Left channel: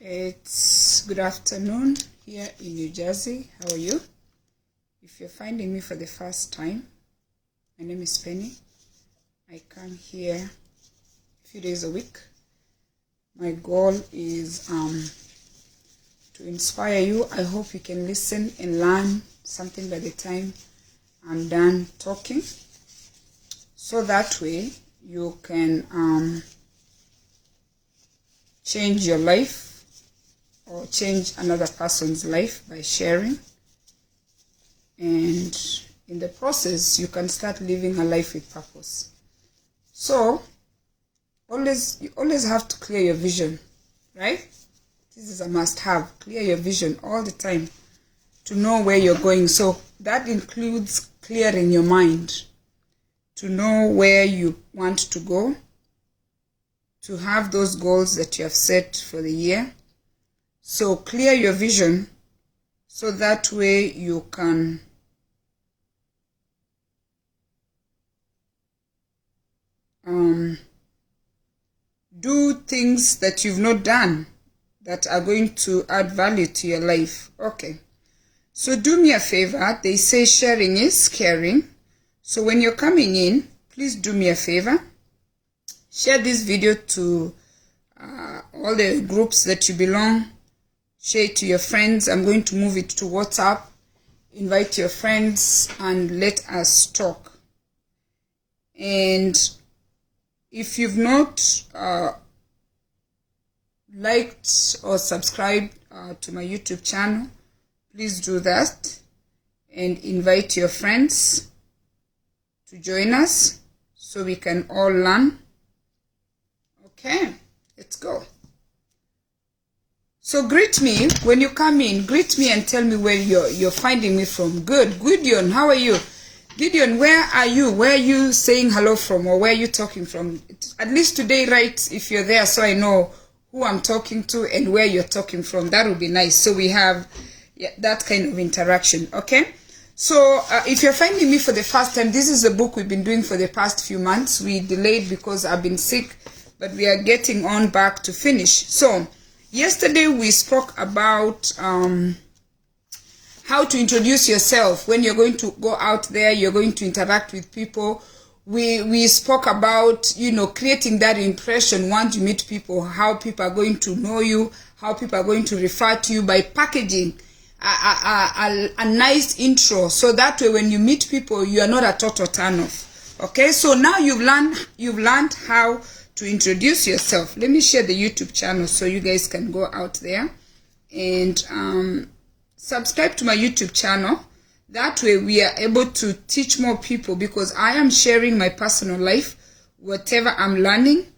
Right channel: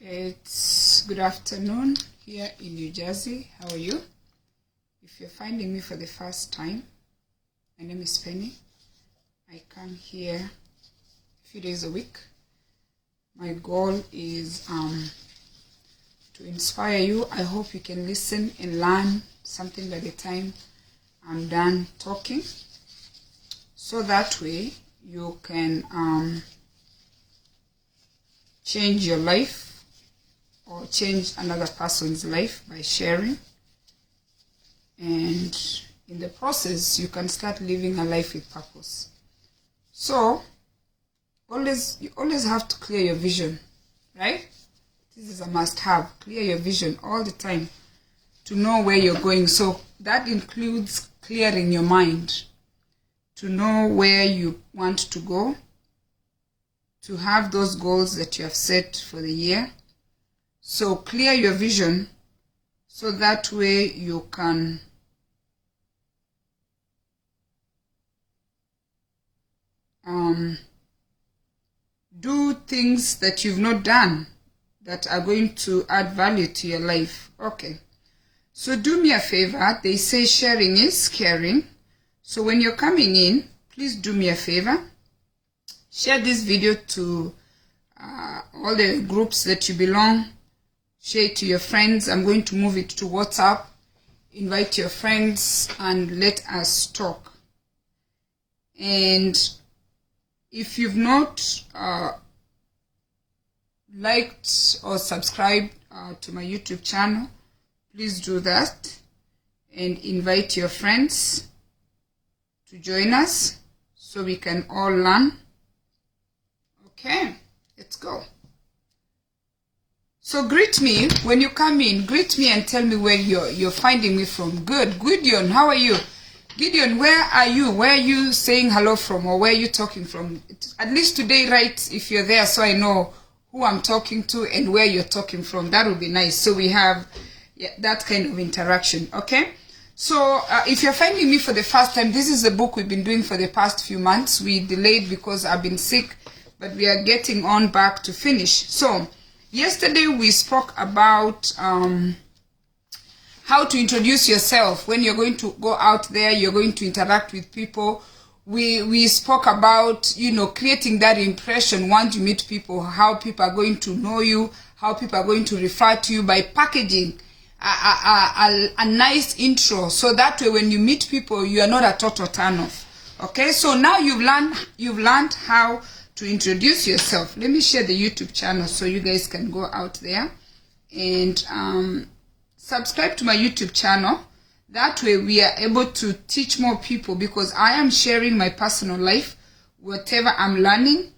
It's good afternoon here in New Jersey. How are you? If you're finding me for the first time, my name is Penny. I come here a few days a week. My goal is to inspire you. I hope you can listen and learn something by the time I'm done talking, so that way you can change your life or change another person's life by sharing, and in the process you can start living a life with purpose. So you always have to clear your vision, right? This is a must-have. Clear your vision all the time to know where you're going. So that includes clearing your mind to know where you want to go, to have those goals that you have set for the year. So clear your vision so that way you can do things that you've not done that are going to add value to your life. Okay, so do me a favor. They say sharing is caring. So when you're coming in, please do me a favor. Share this video to all the groups that you belong. Share it to your friends. I'm going to move it to WhatsApp. Invite your friends and let us talk. And if you've not liked or subscribed to my YouTube channel, please do that and invite your friends to join us so we can all learn. Okay, let's go. So greet me when you come in. Greet me and tell me where you're finding me from. Good. Gideon, how are you? Gideon, where are you? Where are you saying hello from, or where are you talking from? At least today, right, if you're there, so I know who I'm talking to and where you're talking from. That would be nice. So we have that kind of interaction, okay? So if you're finding me for the first time, this is a book we've been doing for the past few months. We delayed because I've been sick, but we are getting on back to finish. So yesterday we spoke about how to introduce yourself when you're going to go out there, you're going to interact with people. We spoke about, creating that impression once you meet people, how people are going to know you, how people are going to refer to you by packaging a nice intro, so that way when you meet people, you are not a total turn-off. Okay, so now you've learned how to introduce yourself. Let me share the YouTube channel so you guys can go out there and subscribe to my YouTube channel. That way we are able to teach more people, because I am sharing my personal life, whatever I'm learning,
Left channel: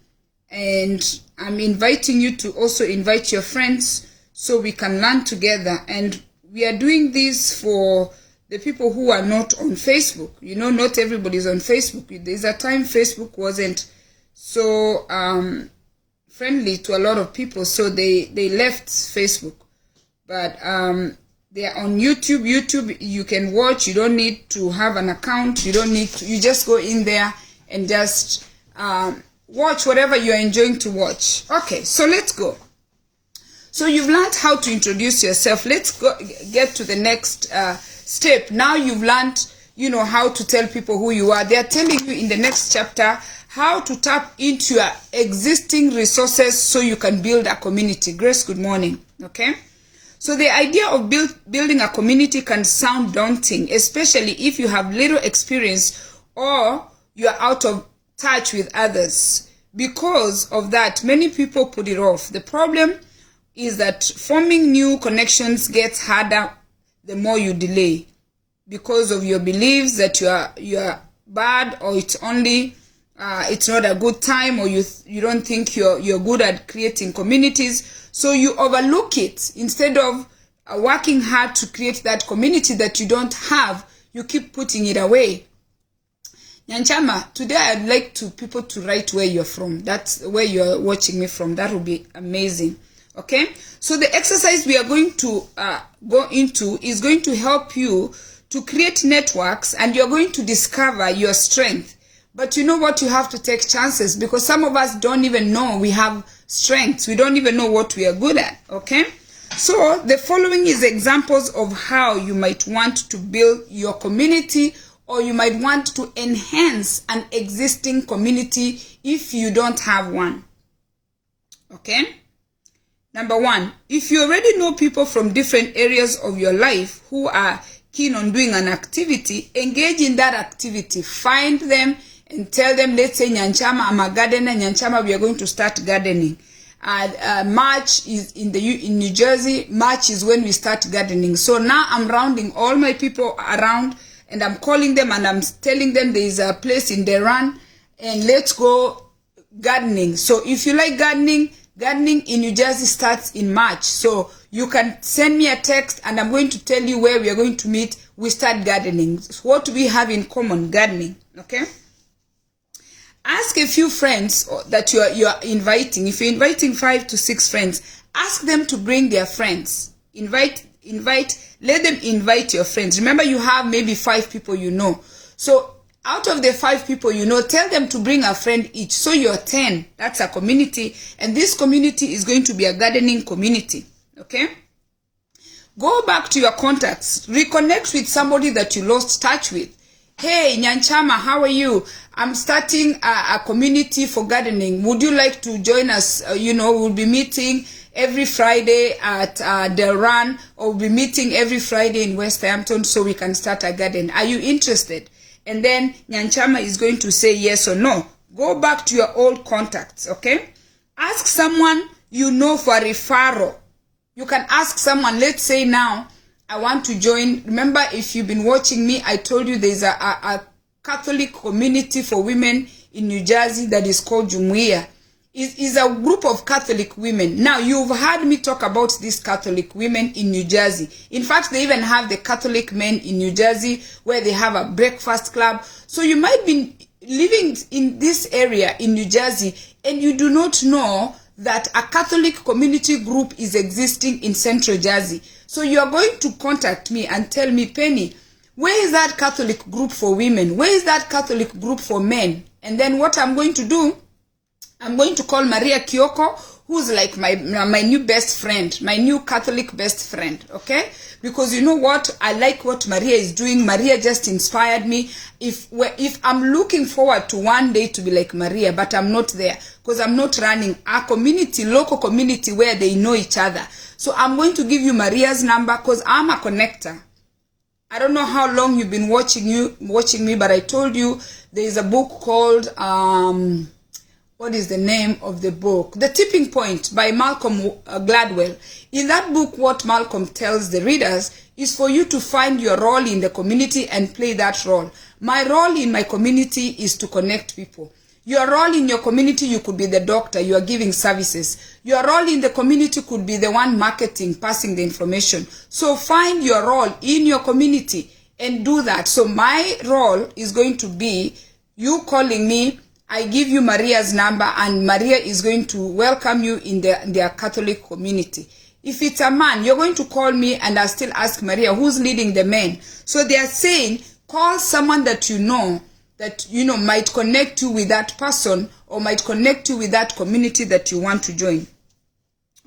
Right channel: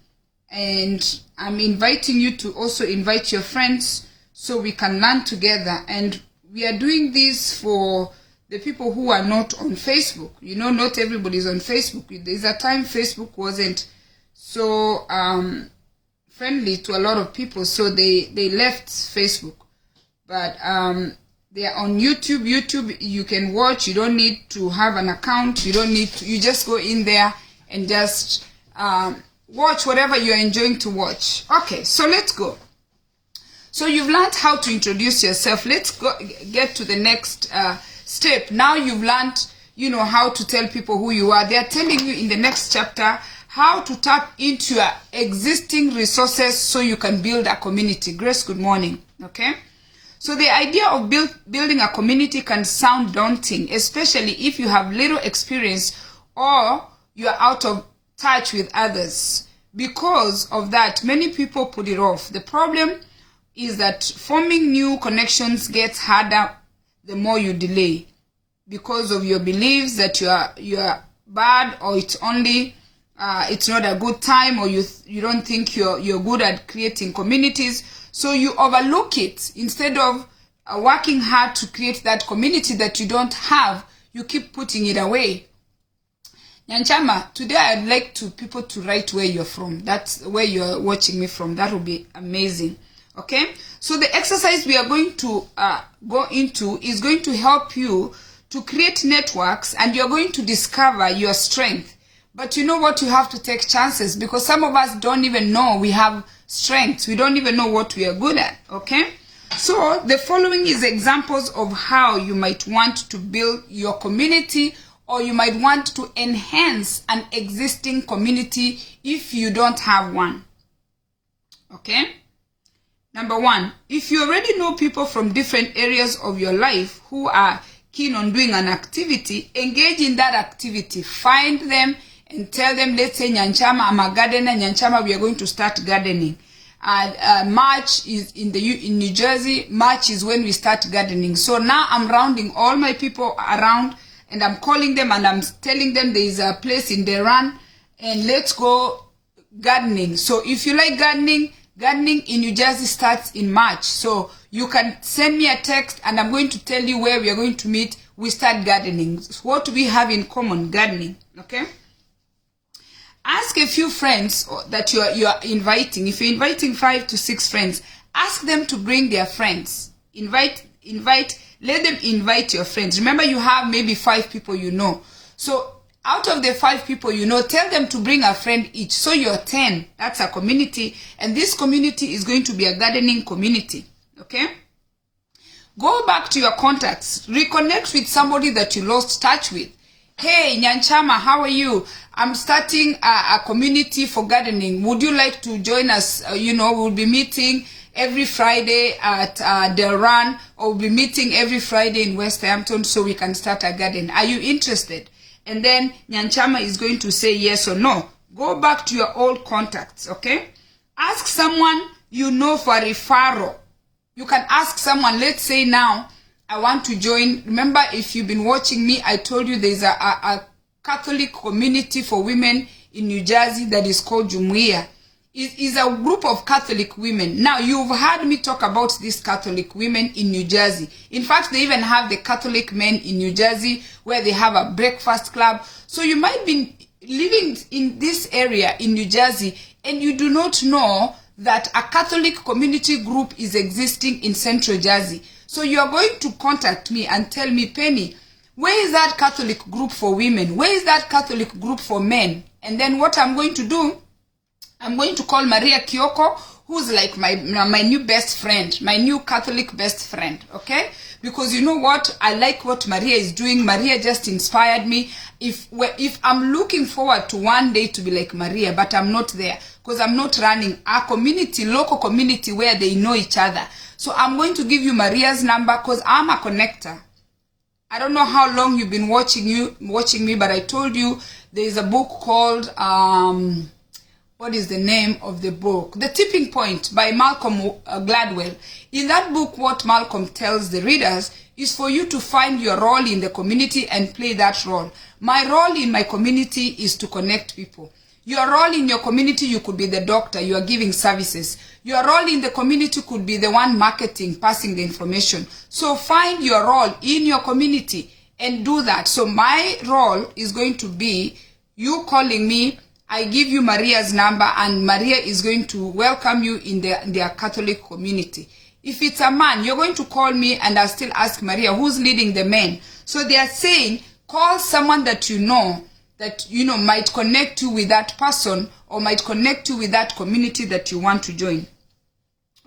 and I'm inviting you to also invite your friends so we can learn together. And we are doing this for the people who are not on Facebook. Not everybody's on Facebook. There's a time Facebook wasn't so friendly to a lot of people, so they left Facebook. But they are on YouTube. YouTube, you can watch. You don't need to have an account. You just go in there and just watch whatever you're enjoying to watch. Okay, so let's go. So you've learned how to introduce yourself. Let's get to the next step. Now you've learned, how to tell people who you are. They're telling you in the next chapter how to tap into your existing resources so you can build a community. Grace, good morning. Okay. So the idea of building a community can sound daunting, especially if you have little experience or you're out of touch with others. Because of that, many people put it off. The problem is that forming new connections gets harder the more you delay, because of your beliefs that you are bad, or it's not a good time, or you don't think you're good at creating communities. So you overlook it. Instead of working hard to create that community that you don't have, you keep putting it away. Nyanchama, today I'd like people to write where you're from. That's where you're watching me from. That would be amazing. Okay? So the exercise we are going to go into is going to help you to create networks, and you're going to discover your strength But you know what? You have to take chances, because some of us don't even know we have strengths. We don't even know what we are good at, okay? So the following is examples of how you might want to build your community, or you might want to enhance an existing community if you don't have one, okay? Number one, if you already know people from different areas of your life who are keen on doing an activity, engage in that activity. Find them and tell them, let's say, Nyanchama, I'm a gardener, Nyanchama, we are going to start gardening. March is in New Jersey, March is when we start gardening. So now I'm rounding all my people around, and I'm calling them and I'm telling them there is a place in Deran, and let's go gardening. So if you like gardening, gardening in New Jersey starts in March. So you can send me a text and I'm going to tell you where we are going to meet. We start gardening. So what do we have in common? Gardening, okay? Ask a few friends that you are inviting. If you're inviting 5 to 6 friends, ask them to bring their friends. Let them invite your friends. Remember, you have maybe 5 people you know. So out of the 5 people you know, tell them to bring a friend each. So you're 10. That's a community. And this community is going to be a gardening community. Okay? Go back to your contacts. Reconnect with somebody that you lost touch with. Hey, Nyanchama, how are you? I'm starting a community for gardening. Would you like to join us? We'll be meeting every Friday at Del Run, or we'll be meeting every Friday in West Hampton so we can start a garden. Are you interested? And then Nyanchama is going to say yes or no. Go back to your old contacts, okay? Ask someone you know for a referral. You can ask someone, let's say now, I want to join. Remember, if you've been watching me, I told you there's a Catholic community for women in New Jersey that is called Jumuiya. It is a group of Catholic women. Now, you've heard me talk about these Catholic women in New Jersey. In fact, they even have the Catholic men in New Jersey where they have a breakfast club. So you might be living in this area in New Jersey and you do not know that a Catholic community group is existing in Central Jersey. So you are going to contact me and tell me, Penny, where is that Catholic group for women? Where is that Catholic group for men? And then what I'm going to do, I'm going to call Maria Kyoko, who's like my new best friend, my new Catholic best friend, okay? Because you know what? I like what Maria is doing. Maria just inspired me. If I'm looking forward to one day to be like Maria, but I'm not there because I'm not running a community, local community where they know each other. So I'm going to give you Maria's number because I'm a connector. I don't know how long you've been watching me, but I told you there is a book called, what is the name of the book? The Tipping Point by Malcolm Gladwell. In that book, what Malcolm tells the readers is for you to find your role in the community and play that role. My role in my community is to connect people. Your role in your community, you could be the doctor, you are giving services. Your role in the community could be the one marketing, passing the information. So find your role in your community and do that. So my role is going to be you calling me. I give you Maria's number and Maria is going to welcome you in their Catholic community. If it's a man, you're going to call me and I'll still ask Maria who's leading the men. So they are saying, call someone that you know might connect you with that person or might connect you with that community that you want to join.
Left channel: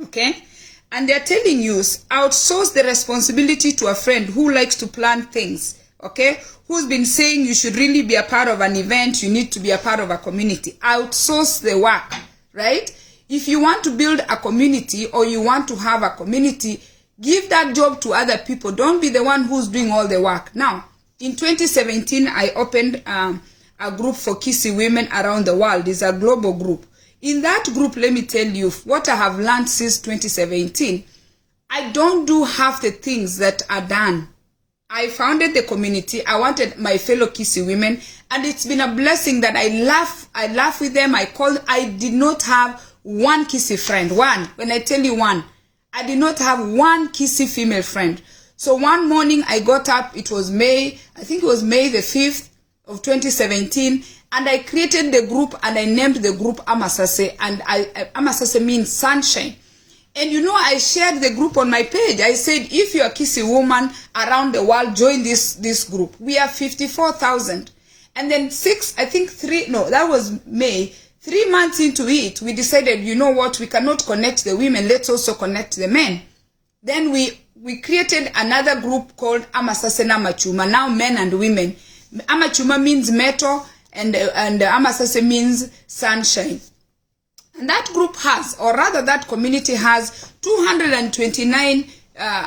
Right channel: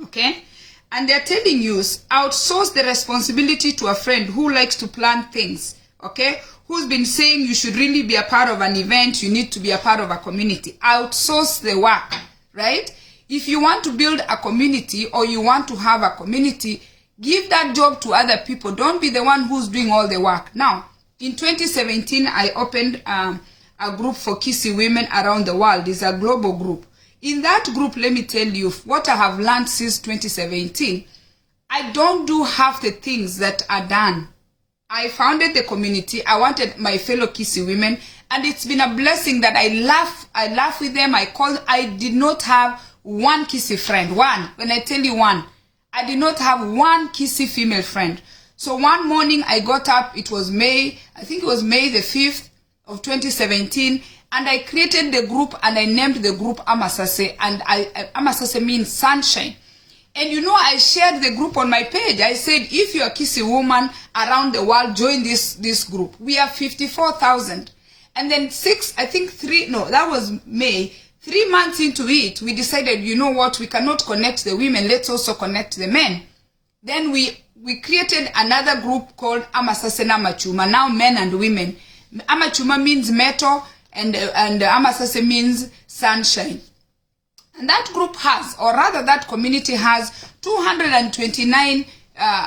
Okay? And they're telling you, outsource the responsibility to a friend who likes to plan things. Okay? Who's been saying you should really be a part of an event, you need to be a part of a community. Outsource the work, right? If you want to build a community or you want to have a community, give that job to other people. Don't be the one who's doing all the work. Now, in 2017, I opened a group for Kisi women around the world. It's a global group. In that group, let me tell you what I have learned since 2017. I don't do half the things that are done. I founded the community. I wanted my fellow Kisi women, and it's been a blessing that I laugh with them. I did not have one Kisi friend. One. When I tell you one, I did not have one Kisi female friend. So one morning I got up, it was May, I think it was May the 5th of 2017, and I created the group and I named the group Amasase, and Amasase means sunshine. And I shared the group on my page. I said, if you're a Kisi woman around the world, join this group. We are 54,000. And then that was May. 3 months into it, we decided, you know what, we cannot connect the women, let's also connect the men. Then we created another group called Amasase na Amachuma, now men and women. Amachuma means metal, and Amasase means sunshine. And that group has, or rather that community has 229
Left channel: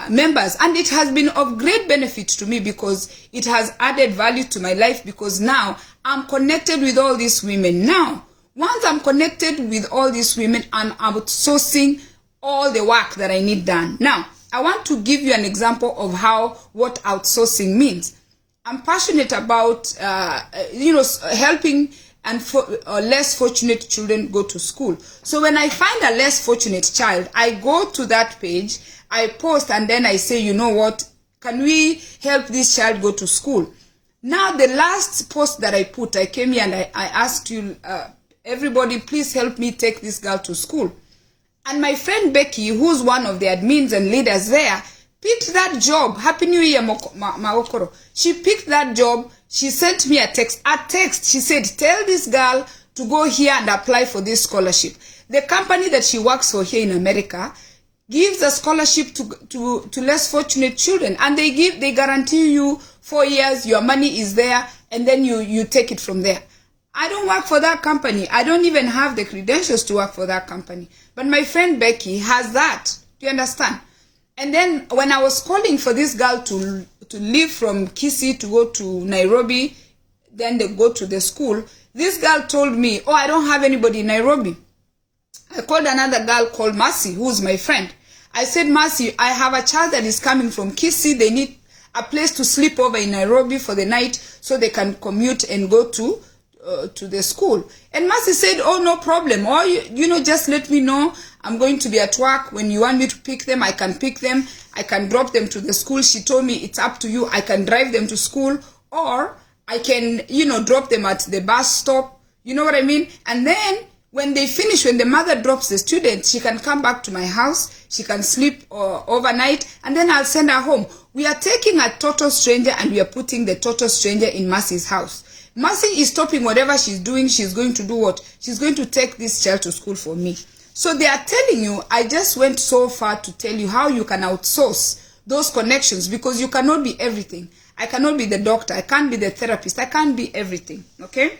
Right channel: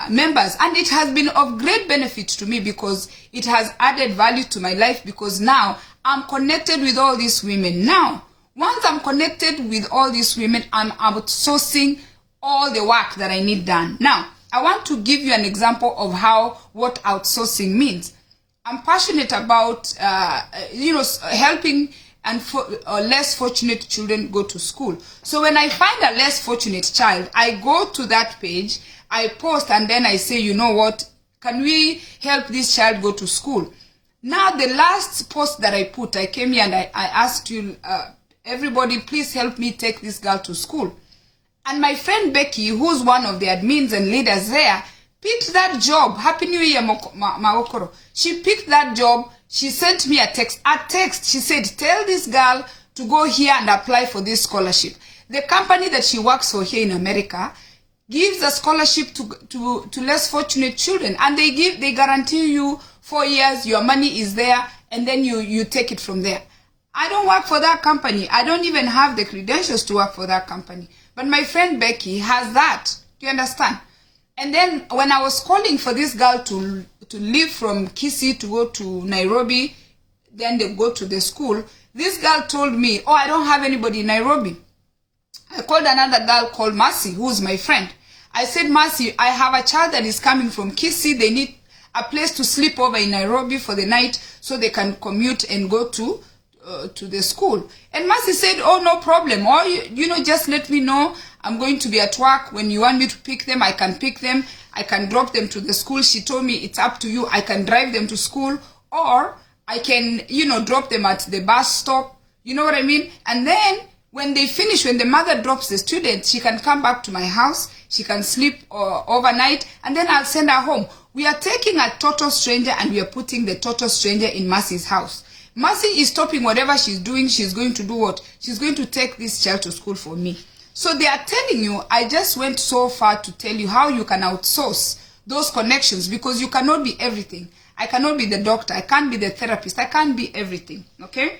members, and it has been of great benefit to me because it has added value to my life, because now I'm connected with all these women. Now, once I'm connected with all these women, I'm outsourcing all the work that I need done. Now, I want to give you an example of what outsourcing means. I'm passionate about, helping less fortunate children go to school. So when I find a less fortunate child, I go to that page, I post, and then I say, you know what, can we help this child go to school? Now, the last post that I put, I came here and I asked you, everybody, please help me take this girl to school. And my friend Becky, who's one of the admins and leaders there, picked that job. Happy New Year, Maokoro. She picked that job. She sent me a text. She said, tell this girl to go here and apply for this scholarship. The company that she works for here in America gives a scholarship to less fortunate children. And they guarantee you 4 years, your money is there, and then you take it from there. I don't work for that company. I don't even have the credentials to work for that company. But my friend Becky has that. Do you understand? And then when I was calling for this girl to leave from Kisii to go to Nairobi, then they go to the school, this girl told me, oh, I don't have anybody in Nairobi. I called another girl called Mercy, who's my friend. I said, Mercy, I have a child that is coming from Kisii. They need a place to sleep over in Nairobi for the night so they can commute and go to the school. And Mercy said, oh, no problem. Or, just let me know. I'm going to be at work. When you want me to pick them, I can pick them. I can drop them to the school. She told me, it's up to you. I can drive them to school, or I can, drop them at the bus stop. You know what I mean? And then when they finish, when the mother drops the student, she can come back to my house. She can sleep overnight, and then I'll send her home. We are taking a total stranger and we are putting the total stranger in Mercy's house. Mercy is stopping whatever she's doing. She's going to do what? She's going to take this child to school for me. So they are telling you, I just went so far to tell you how you can outsource those connections, because you cannot be everything. I cannot be the doctor. I can't be the therapist. I can't be everything. Okay?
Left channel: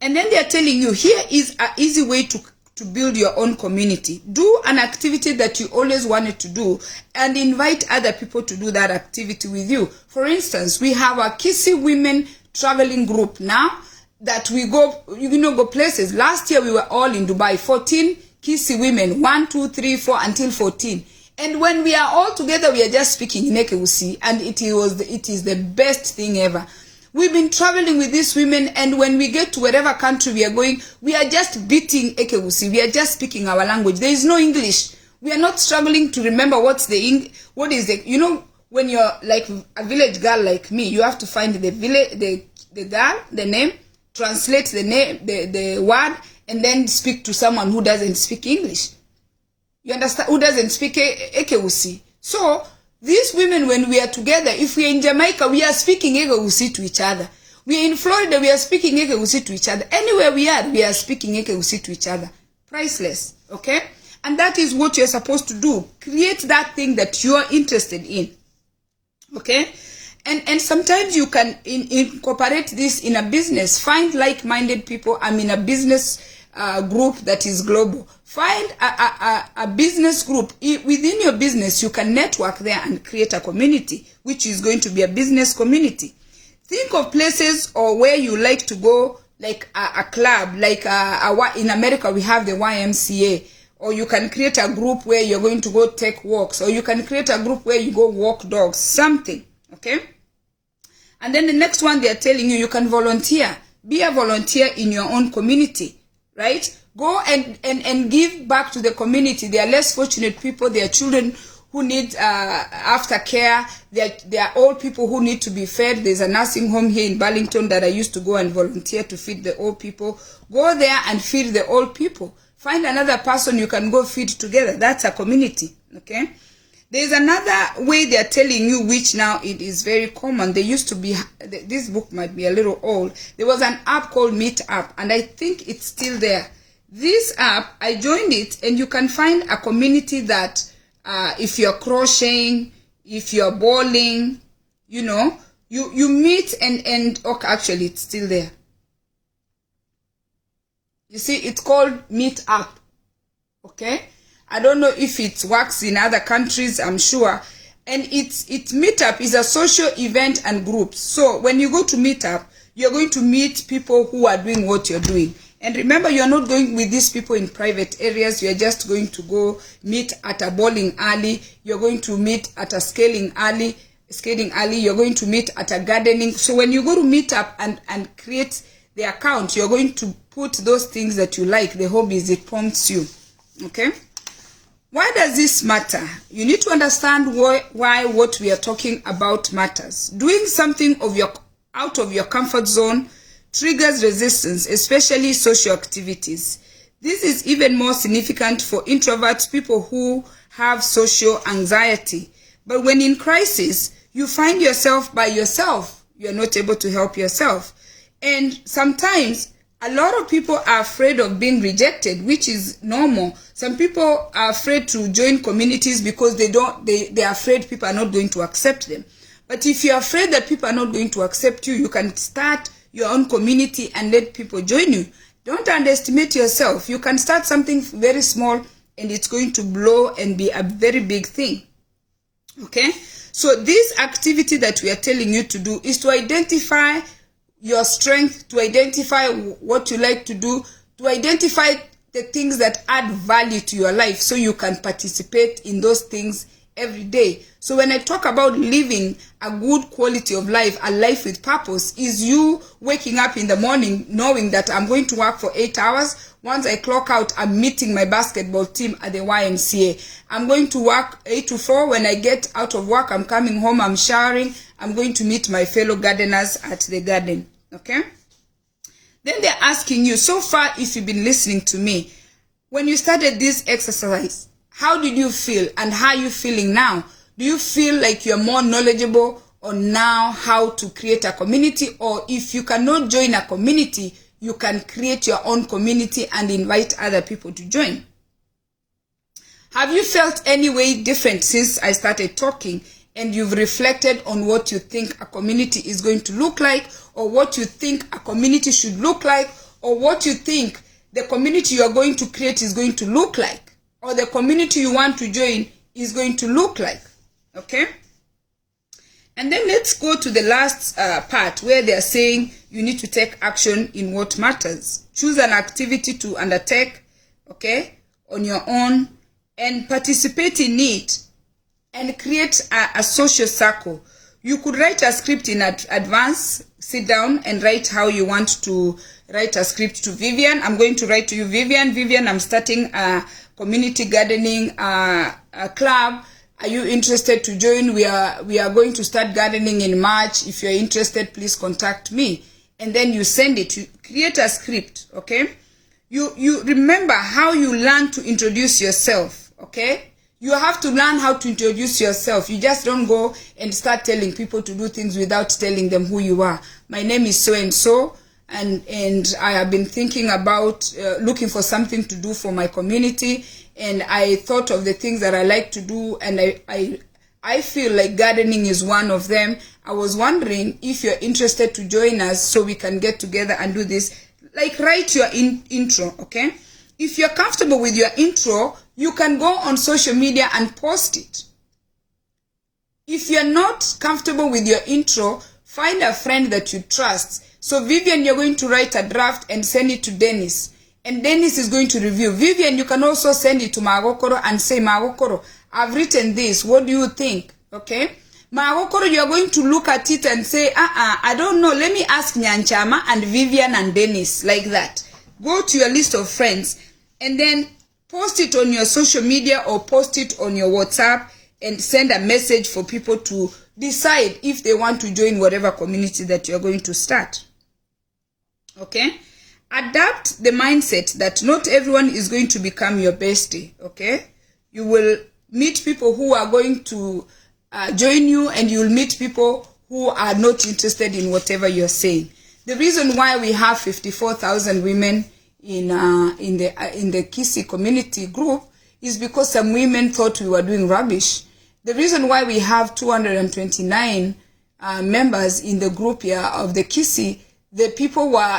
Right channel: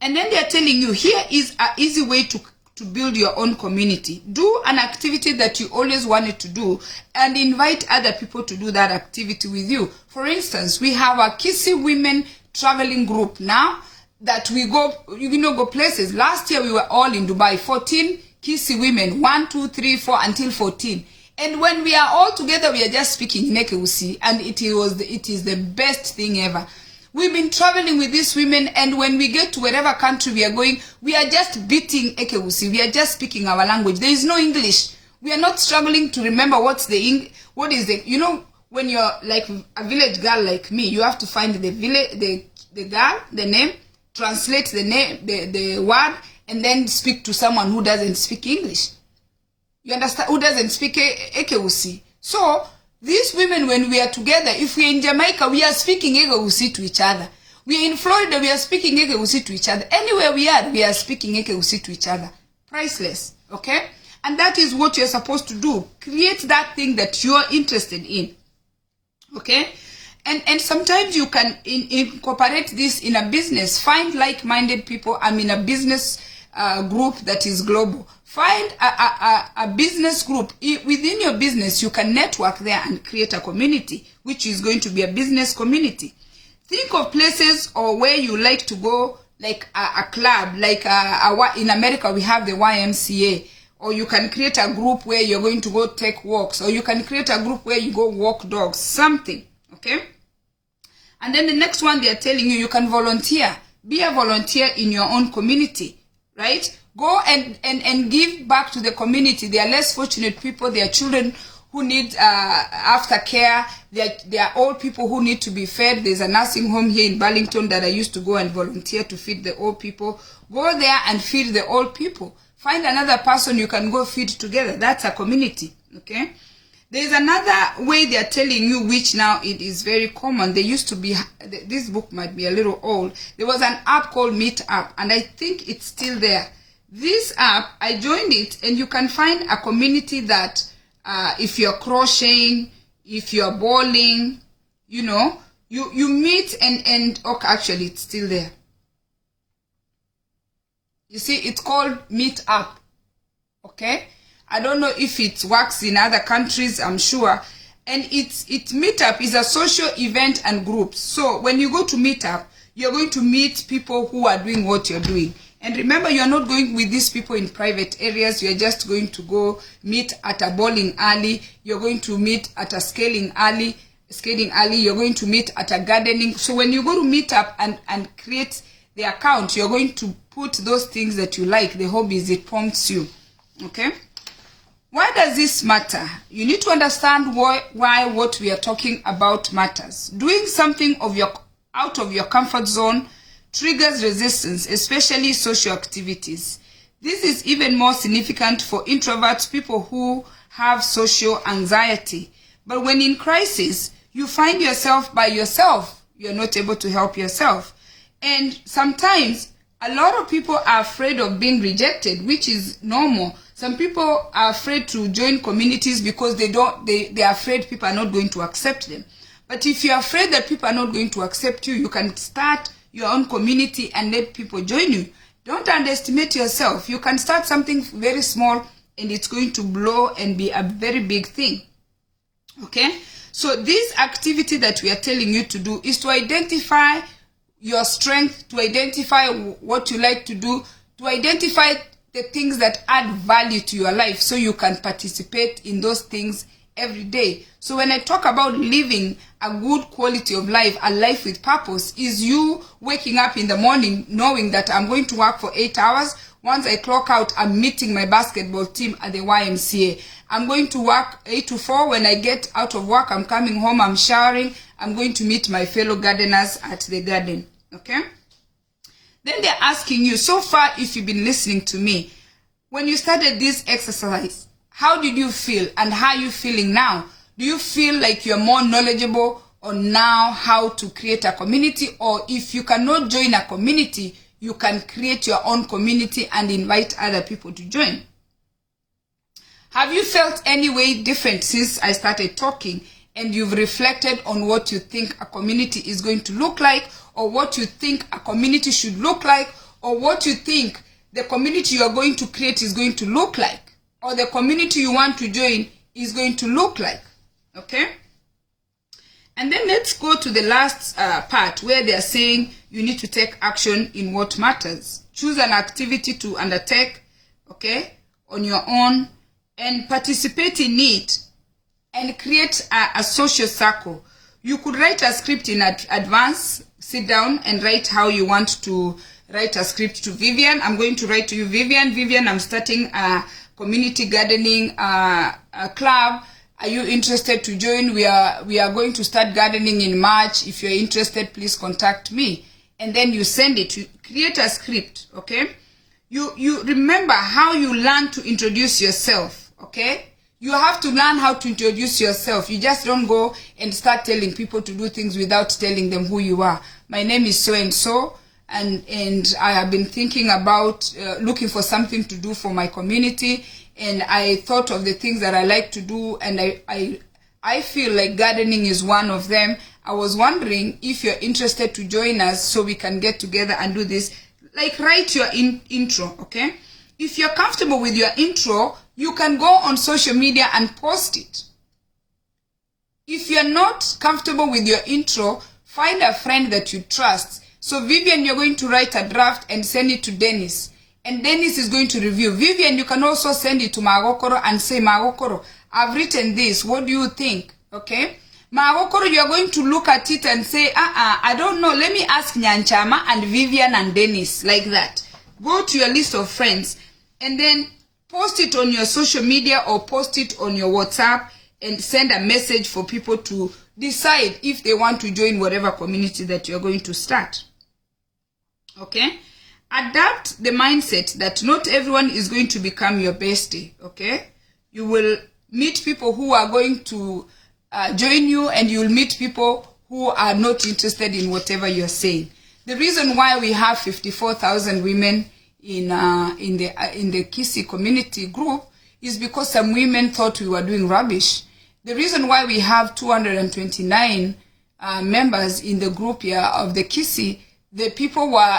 And then they are telling you, here is an easy way to build your own community. Do an activity that you always wanted to do and invite other people to do that activity with you. For instance, we have a Kisii women traveling group now that we go places. Last year we were all in Dubai, 14 Kisii women, 1, 2, 3, 4 until 14. And when we are all together, we are just speaking in Ekeusi, and it is the best thing ever. We've been traveling with these women, and when we get to wherever country we are going, we are just beating Ekeusi. We are just speaking our language. There is no English. We are not struggling to remember what is the, when you're like a village girl like me, you have to find the village, the girl, the name, translate the name, the word, and then speak to someone who doesn't speak English. You understand? Who doesn't speak Ekeusi. So these women, when we are together, if we are in Jamaica, we are speaking Ekeusi to each other. We are in Florida, we are speaking Ekeusi to each other. Anywhere we are speaking Ekeusi to each other. Priceless. Okay? And that is what you're supposed to do. Create that thing that you're interested in. Okay? And sometimes you can incorporate this in a business. Find like-minded people. I'm in a business group that is global. Find a business group. Within your business, you can network there and create a community, which is going to be a business community. Think of places or where you like to go, like a club, like in America we have the YMCA. Or you can create a group where you're going to go take walks. Or you can create a group where you go walk dogs. Something. Okay? And then the next one, they are telling you, you can volunteer. Be a volunteer in your own community. Right? Go and give back to the community. There are less fortunate people. There are children who need aftercare. There are old people who need to be fed. There's a nursing home here in Burlington that I used to go and volunteer to feed the old people. Go there and feed the old people. Find another person you can go feed together. That's a community. Okay? There's another way they're telling you, which now it is very common. There used to be, this book might be a little old. There was an app called Meetup, and I think it's still there. This app, I joined it, and you can find a community that if you're crocheting, if you're bowling, you know, you meet and okay, actually it's still there. You see, it's called Meetup. Okay, I don't know if it works in other countries, I'm sure. And it's Meetup is a social event and group. So when you go to Meetup, you're going to meet people who are doing what you're doing. And remember, you're not going with these people in private areas. You're just going to go meet at a bowling alley. You're going to meet at a skating alley. You're going to meet at a gardening. So when you go to Meetup and create the account, you're going to put those things that you like, the hobbies, it prompts you. Okay? Why does this matter? You need to understand why what we are talking about matters. Doing something out of your comfort zone triggers resistance, especially social activities. This is even more significant for introverts, people who have social anxiety. But when in crisis, you find yourself by yourself. You're not able to help yourself. And sometimes a lot of people are afraid of being rejected, which is normal. Some people are afraid to join communities because they're afraid people are not going to accept them. But if you're afraid that people are not going to accept you, you can start your own community and let people join you. Don't underestimate yourself. You can start something very small and it's going to blow and be a very big thing. Okay? So this activity that we are telling you to do is to identify your strength, to identify what you like to do, to identify the things that add value to your life so you can participate in those things every day. So when I talk about living a good quality of life, a life with purpose, is you waking up in the morning knowing that I'm going to work for 8 hours. Once I clock out, I'm meeting my basketball team at the YMCA. I'm going to work 8 to 4. When I get out of work, I'm coming home, I'm showering. I'm going to meet my fellow gardeners at the garden. Okay? Then they're asking you, so far, if you've been listening to me, when you started this exercise, how did you feel and how are you feeling now? Do you feel like you're more knowledgeable on now how to create a community? Or if you cannot join a community, you can create your own community and invite other people to join. Have you felt any way different since I started talking and you've reflected on what you think a community is going to look like, or what you think a community should look like, or what you think the community you're going to create is going to look like, or the community you want to join is going to look like? Okay? And then let's go to the last part where they're saying you need to take action in what matters. Choose an activity to undertake, okay, on your own, and participate in it, and create a social circle. You could write a script in advance, sit down and write how you want to write a script to Vivian. I'm going to write to you, Vivian. Vivian, I'm starting a community gardening a club. Are you interested to join? We are going to start gardening in March. If you're interested, please contact me. And then you send it. You create a script, okay? You remember how you learn to introduce yourself, okay? You have to learn how to introduce yourself. You just don't go and start telling people to do things without telling them who you are. My name is so-and-so, and I have been thinking about looking for something to do for my community, and I thought of the things that I like to do, and I feel like gardening is one of them. I was wondering if you're interested to join us so we can get together and do this. Like, write your intro, okay? If you're comfortable with your intro, you can go on social media and post it. If you're not comfortable with your intro, find a friend that you trust. So Vivian, you're going to write a draft and send it to Dennis. And Dennis is going to review. Vivian, you can also send it to Magokoro and say, Magokoro, I've written this. What do you think? Okay? Magokoro, you're going to look at it and say, I don't know. Let me ask Nyanchama and Vivian and Dennis, like that. Go to your list of friends and then post it on your social media or post it on your WhatsApp and send a message for people to decide if they want to join whatever community that you're going to start. Okay? Adapt the mindset that not everyone is going to become your bestie. Okay? You will meet people who are going to join you, and you'll meet people who are not interested in whatever you're saying. The reason why we have 54,000 women in the Kisi community group is because some women thought we were doing rubbish. The reason why we have 229 members in the group here of the Kisi,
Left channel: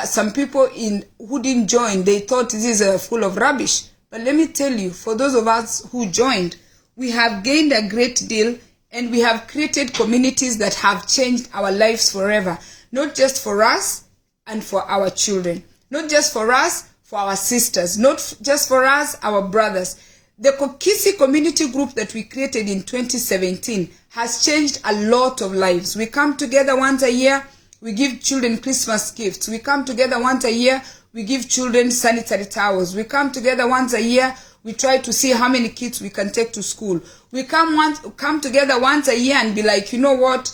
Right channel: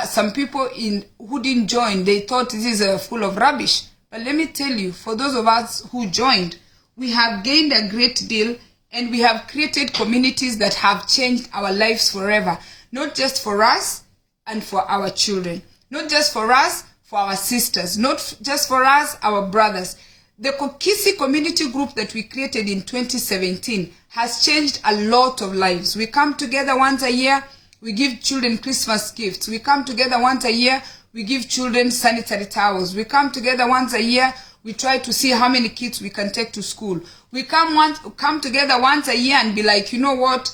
some people who didn't join, they thought this is full of rubbish. But let me tell you, for those of us who joined, we have gained a great deal, and we have created communities that have changed our lives forever. Not just for us and for our children. Not just for us, for our sisters. Not just for us, our brothers. The Kisi community group that we created in 2017 has changed a lot of lives. We come together once a year. We give children Christmas gifts. We come together once a year. We give children sanitary towels. We come together once a year. We try to see how many kids we can take to school. We come together once a year and be like, you know what?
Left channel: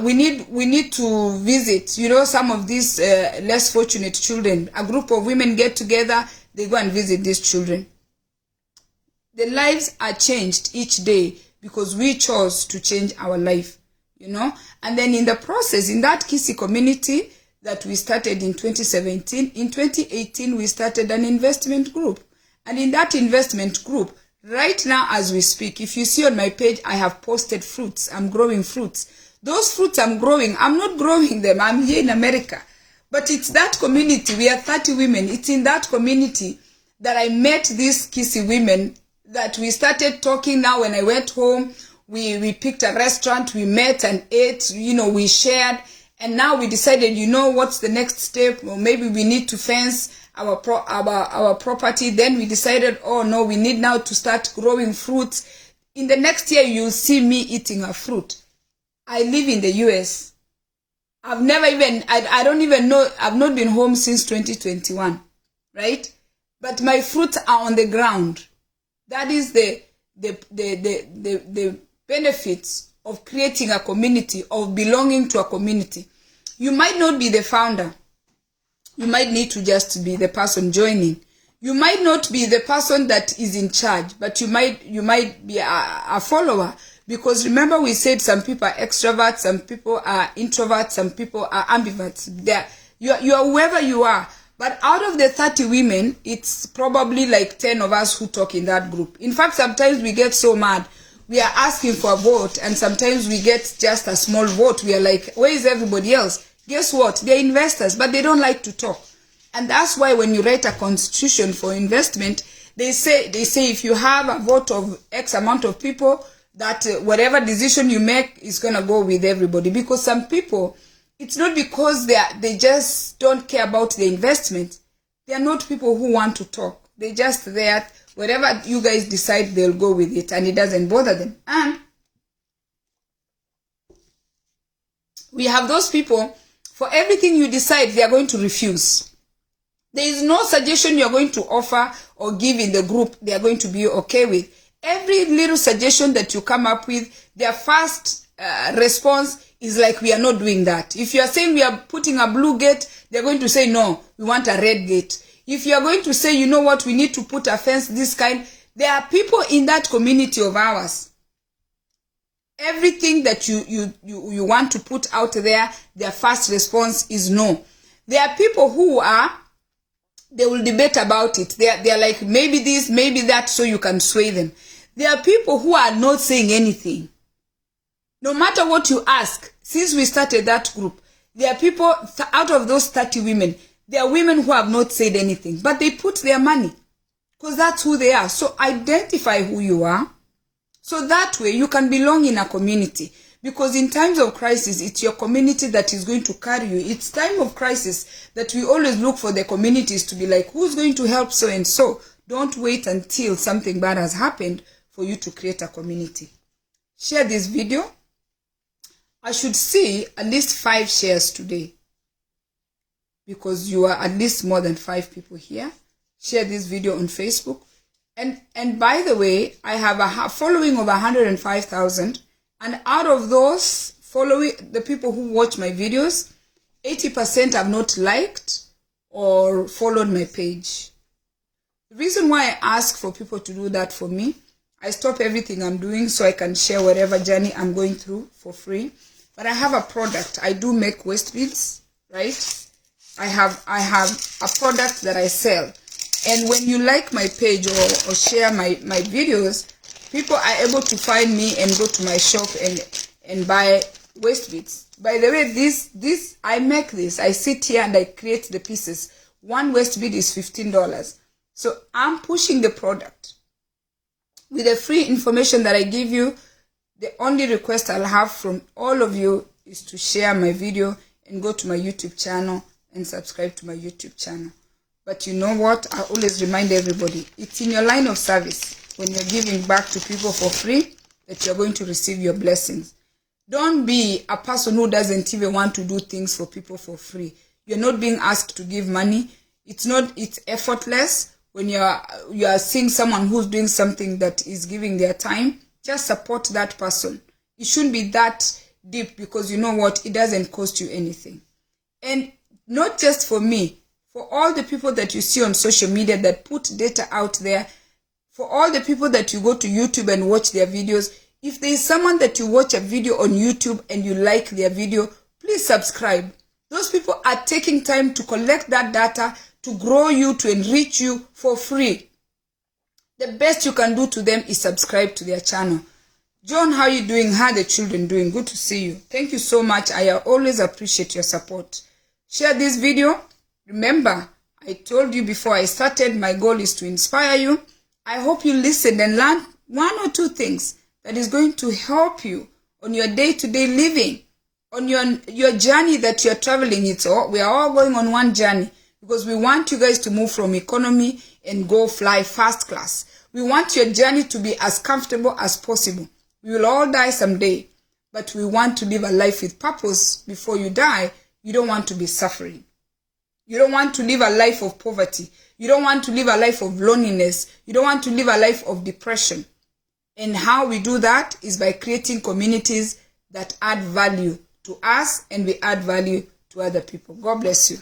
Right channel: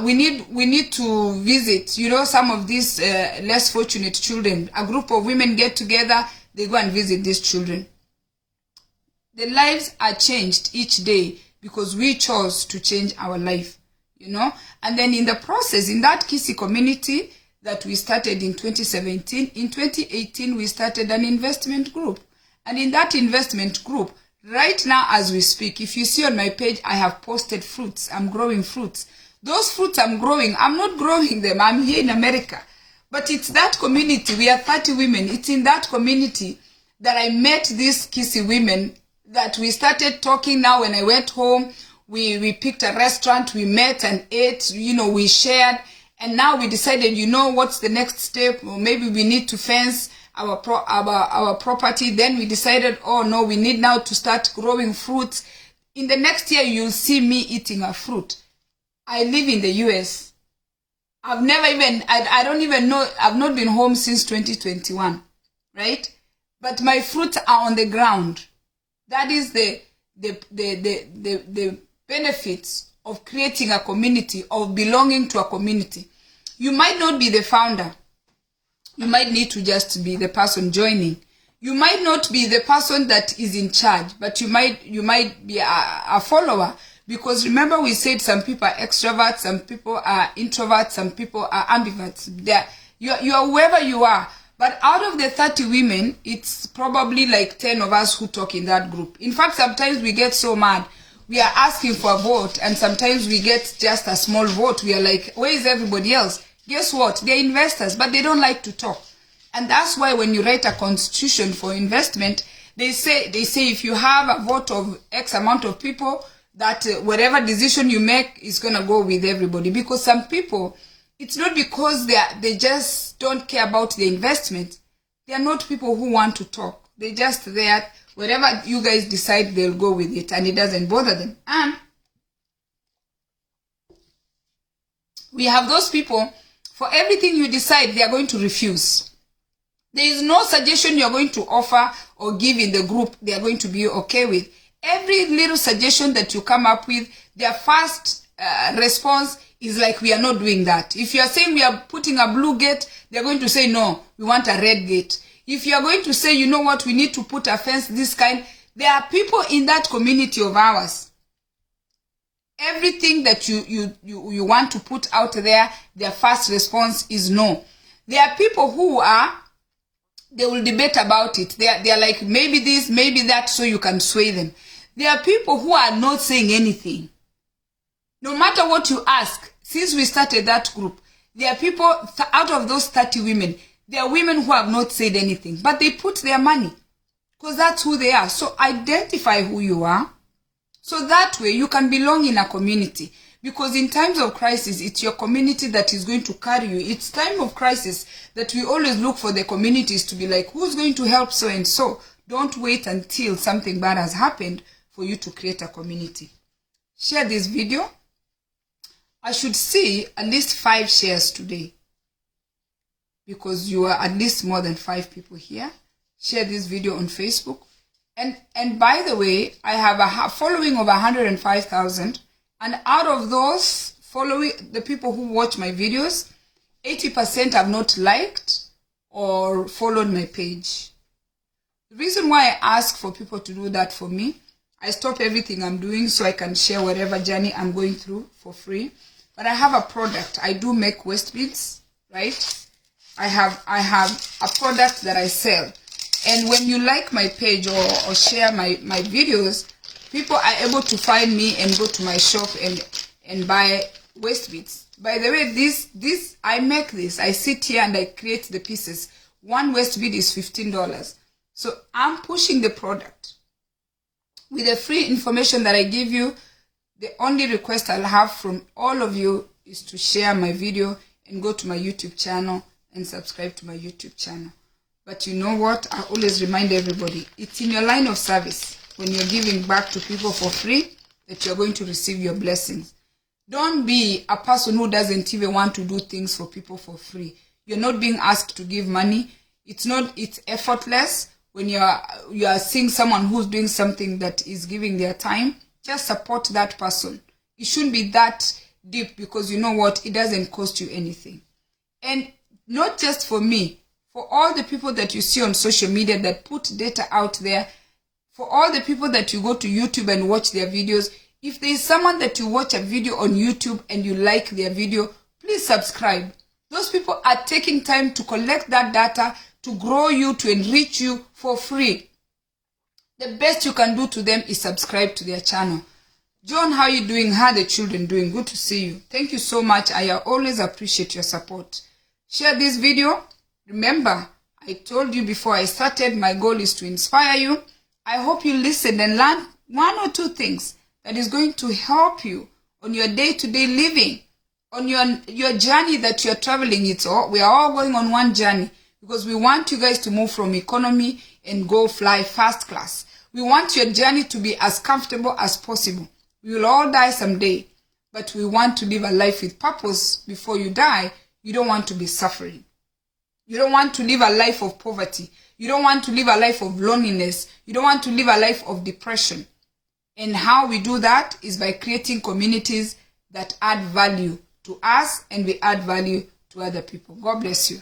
We need to visit, some of these less fortunate children. A group of women get together. They go and visit these children. The lives are changed each day because we chose to change our life, And then in the process, in that Kisi community that we started in 2017, in 2018, we started an investment group. And in that investment group, right now as we speak, if you see on my page, I have posted fruits. I'm growing fruits. Those fruits I'm growing, I'm not growing them. I'm here in America. But it's that community. We are 30 women. It's in that community that I met these Kisi women that we started talking. Now when I went home, we picked a restaurant, we met and ate, we shared. And now we decided, what's the next step? Or maybe we need to fence our property. Then we decided, oh no, we need now to start growing fruits. In the next year, you'll see me eating a fruit. I live in the US. I've never even, I don't even know, I've not been home since 2021, right? But my fruits are on the ground. That is the benefits of creating a community, of belonging to a community. You might not be the founder. You might need to just be the person joining. You might not be the person that is in charge, but you might be a follower. Because remember we said some people are extroverts, some people are introverts, some people are ambiverts. You are whoever you are. But out of the 30 women, it's probably like 10 of us who talk in that group. In fact, sometimes we get so mad. We are asking for a vote, and sometimes we get just a small vote. We are like, where is everybody else? Guess what? They're investors, but they don't like to talk. And that's why when you write a constitution for investment, they say if you have a vote of X amount of people, that whatever decision you make is going to go with everybody. Because some people, it's not because they just don't care about the investment. They are not people who want to talk. They're just there. Whatever you guys decide, they'll go with it, and it doesn't bother them. And we have those people, for everything you decide, they are going to refuse. There is no suggestion you are going to offer or give in the group they are going to be okay with. Every little suggestion that you come up with, their first response is like, we are not doing that. If you are saying we are putting a blue gate, they are going to say, no, we want a red gate. If you are going to say, you know what, we need to put a fence this kind, there are people in that community of ours. Everything that you want to put out there, their first response is no. There are people who they will debate about it. They are like, maybe this, maybe that, so you can sway them. There are people who are not saying anything. No matter what you ask, since we started that group, there are people, out of those 30 women, there are women who have not said anything, but they put their money because that's who they are. So identify who you are. So that way you can belong in a community. Because in times of crisis, it's your community that is going to carry you. It's time of crisis that we always look for the communities to be like, who's going to help so and so? Don't wait until something bad has happened for you to create a community. Share this video. I should see at least 5 shares today, because you are at least more than 5 people here. Share this video on Facebook. And by the way, I have a following of 105,000. And out of those following, the people who watch my videos, 80% have not liked or followed my page. The reason why I ask for people to do that for me, I stop everything I'm doing so I can share whatever journey I'm going through for free. But I have a product. I do make waist beads, right? I have a product that I sell. And when you like my page or share my videos, people are able to find me and go to my shop and buy waist beads. By the way, this I make this. I sit here and I create the pieces. One waist bead is $15. So I'm pushing the product. With the free information that I give you, the only request I'll have from all of you is to share my video and go to my YouTube channel and subscribe to my YouTube channel. But you know what? I always remind everybody, it's in your line of service when you're giving back to people for free that you're going to receive your blessings. Don't be a person who doesn't even want to do things for people for free. You're not being asked to give money. It's effortless. When you are seeing someone who's doing something that is giving their time, just support that person. It shouldn't be that deep, because you know what? It doesn't cost you anything. And not just for me, for all the people that you see on social media that put data out there, for all the people that you go to YouTube and watch their videos, if there is someone that you watch a video on YouTube and you like their video, please subscribe. Those people are taking time to collect that data, to grow you, to enrich you for free. The best you can do to them is subscribe to their channel. John, how are you doing? How are the children doing? Good to see you. Thank you so much. I always appreciate your support. Share this video. Remember, I told you before I started, my goal is to inspire you. I hope you listen and learn one or two things that is going to help you on your day-to-day living, on your journey that you're traveling. We are all going on one journey, because we want you guys to move from economy and go fly first class. We want your journey to be as comfortable as possible. We will all die someday, but we want to live a life with purpose. Before you die, you don't want to be suffering. You don't want to live a life of poverty. You don't want to live a life of loneliness. You don't want to live a life of depression. And how we do that is by creating communities that add value to us and we add value to other people. God bless you.